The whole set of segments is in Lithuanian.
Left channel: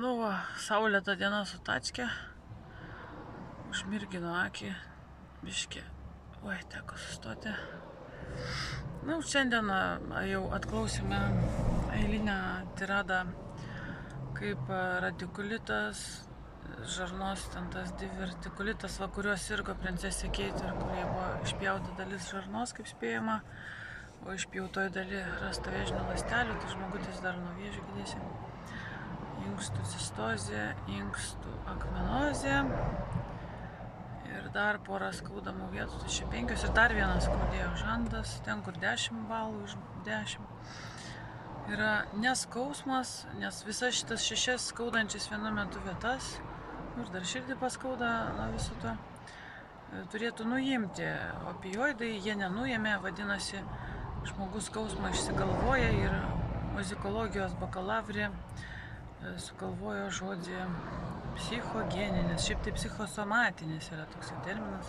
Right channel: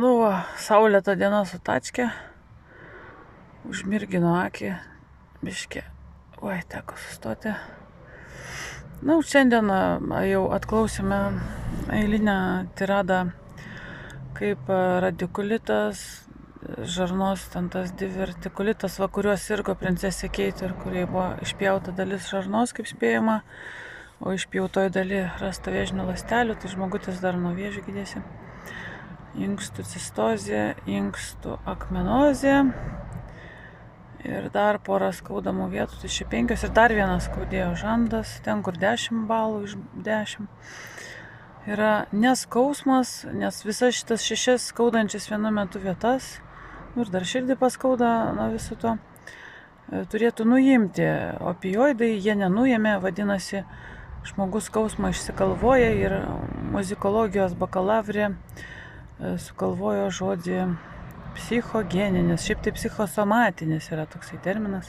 Nu, va, saulėta diena su tačke. Užmirgino akį. Biškė. Oi, teko sustoti. Nu, šiandien jau atklausėme eilinę tiradą, kaip radikulitas, žarnos, ten tas divertikulitas, va, kuriuos sirgo princesė Keit ir kuriai buvo išpjauta dalis žarnos, kaip spėjama, o išpjautoj daly rasta vėžinių ląstelių, tai žmogutis dar nuo vėžių gydėsi. Inkstų cistozė, inkstų akmenozė ir dar porą skaudamų vietų, tai čia 5 ir dar vienas skaudėjo žandas, ten kur 10 balų iš 10. Yra neskausmas, nes visas šitas 6 skaudančias vienu metu vietas, ir dar širdį paskauda nuo viso to, turėtų nuimti opioidai, jie nenuėmė, vadinasi, žmogus skausmą išsigalvoja ir muzikologijos bakalavrė sugalvojo žodį psichogeninis, šiaip tai psichosomatinis yra toksai terminas.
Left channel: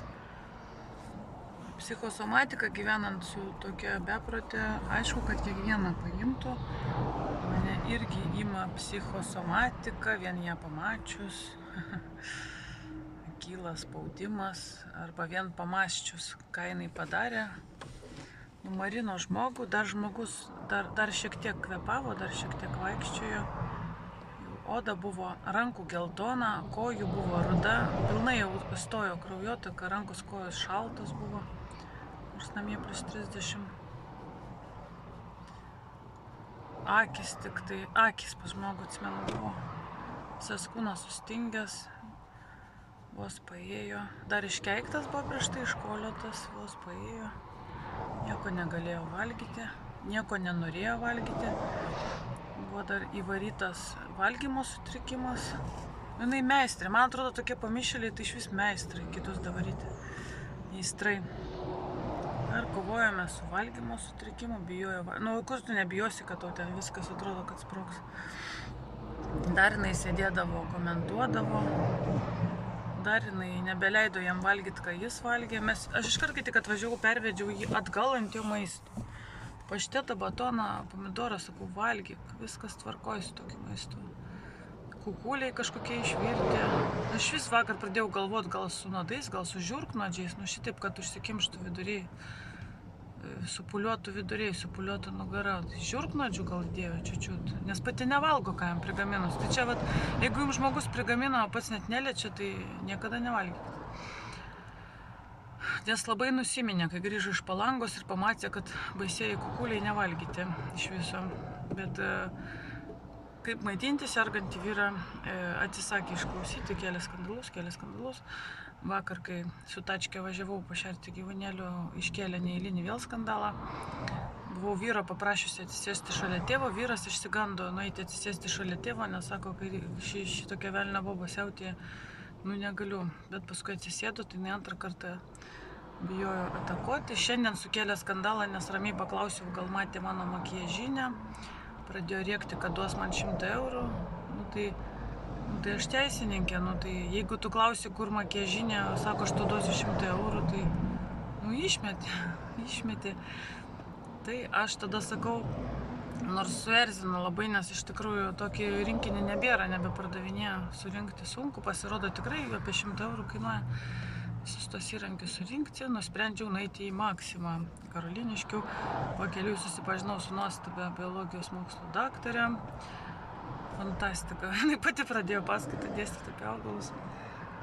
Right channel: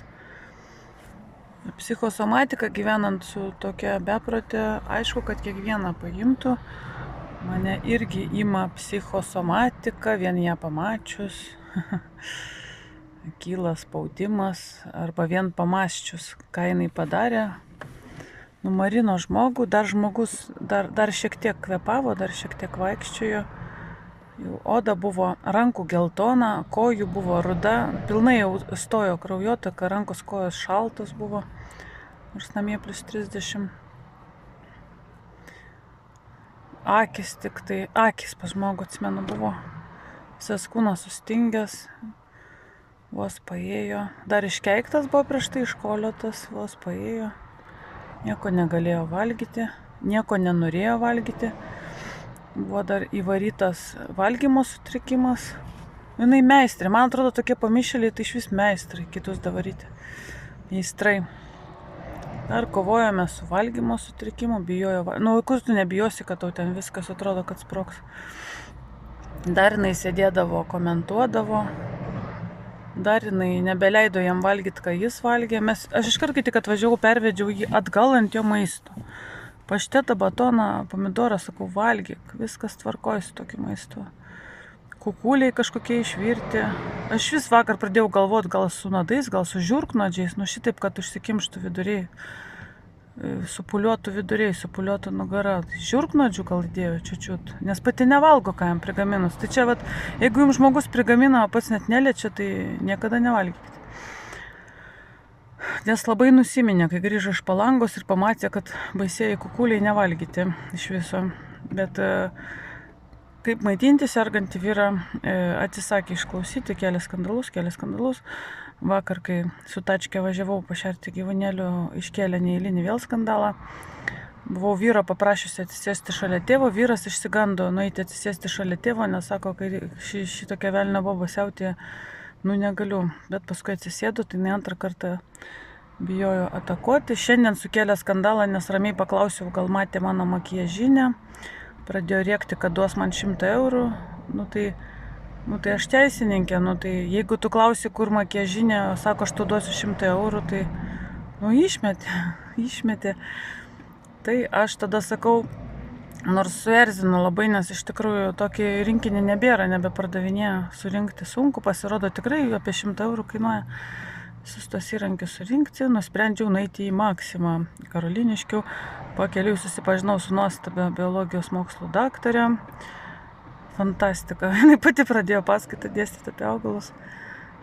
Psichosomatika gyvenant su tokia beprotė, aišku, kad kiekvieną paimtų, mane irgi ima psichosomatika, vien ją pamačius, kyla spaudimas, arba vien pamąsčius, ką jinai padarė, numarino žmogų, dar žmogus dar šiek tiek kvepavo, dar šiek tiek vaikščiojo. Oda buvo rankų geltona, kojų buvo ruda, pilnai jau stojo kraujotaka, rankos kojos šaltos buvo, nors namie plus 30. Akis tik tai, akis pas žmogų, atsimenu, buvo visas kūnas sustingęs, vos paėjo, dar iškeiktas buvo prieš tai, iškoliotas, vos paėjo, nieko negalėjo valgyti, nieko nenorėjo valgyti. Buvo dar įvarytas valgymo sutrikimas. Jinai meistrė. Man atrodo, tokie pamišėliai, tai iš vis meistrai, kitus davaryti. Meistrai. Dar kovojame su valgymo sutrikimu, bijojo. Nu, kur tu nebijosi, kad tau ten viskas atrodo, kad sprogs. Dar jinai sėdėdavo, komentuodavo. Dar jinai nebeleido jam valgyti, ką jis valgė. Aš iškart, kai tik atvažiavau, pervedžiau jį atgal ant jo maisto. Paštetą, batoną, pomidorą, sakau, valgyk, viskas tvarkoja su tokiu maistu. Kukuliai kažkokie išvirti. Aš vis vakar pradėjau galvoti, gal su nuodais, gal su žiurknuodžiais, nu šitaip, kad užsikimštų viduriai, supuliotų viduriai, supuliotų nugara. Žiurknuodžių gal įdėjo čiučiut, nes pati nevalgo, ką jam prigaminus. Tai čia, vat, jeigu jums žmogus prigamina, o pats net neliečia, tai niekada nevalgykite. Nes labai nusiminė, kai grįžo iš Palangos ir pamatė, kad baisieji kukuliai nevalgyti iš viso. Bet kaip maitinti sergantį vyrą atsisakė išklausyti, kelias skandalus. Vakar, kai su tačke važiavau pašerti gyvūnėlių, iškėlė neeilinį vėl skandalą. Buvau vyro paprašiusi atsisėsti šalia tėvo, vyras išsigando nueiti atsisėsti šalia tėvo, nes sako, kai šitokia velnio boba siautė, nu negaliu. Bet paskui atsisėdu, tai ne antrą kartą bijojo atakuoti. Šiandien sukėlė skandalą, nes ramiai paklausiau, gal matė mano makiažinę. Pradėjo rėkti, kad duos man 100 eurų. Nu tai aš teisininkė, nu tai jeigu tu klausi, kur makiažinė, sako, aš tu duosiu 100 eurų, tai nu išmetė. Tai aš tada sakau, nors suerzino labai, nes iš tikrųjų tokį rinkinį nebėra, nebepardavinėja, surinkti sunku, pasirodo tikrai apie 100 eurų kainuoja. Visus tos įrankius surinkti, nusprendžiau nueiti į Maksimą Karoliniškių. Pakeliui susipažinau su nuostabia biologijos mokslų daktarė. Fantastika. Jinai pati pradėjo paskaitą dėstyti apie augalus.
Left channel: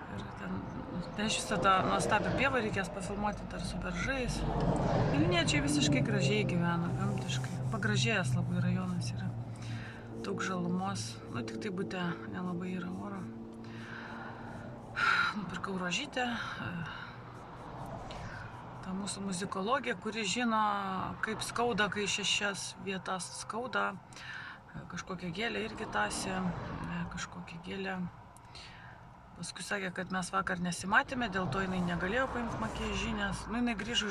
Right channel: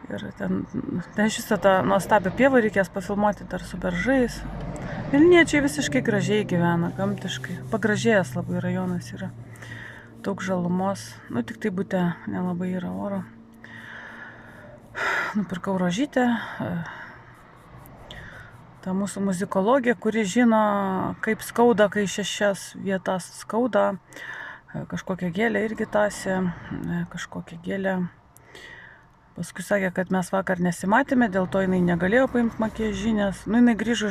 Ir ten šitą tą nuostabią pievą reikės pafilmuoti dar su beržais. Vilniečiai visiškai gražiai gyvena, gamtiškai. Pagražėjęs labai rajonas yra. Daug žalumos. Nu, tik tai bute nelabai yra oro. Nupirkau rožytę, ta mūsų muzikologė, kuri žino, kaip skauda, kai 6 vietas skauda, kažkokią gėlę irgi tasė, kažkokią gėlę. Paskui sakė, kad mes vakar nesimatėme, dėl to jinai negalėjo paimti makiažinės. Nu, jinai grįžo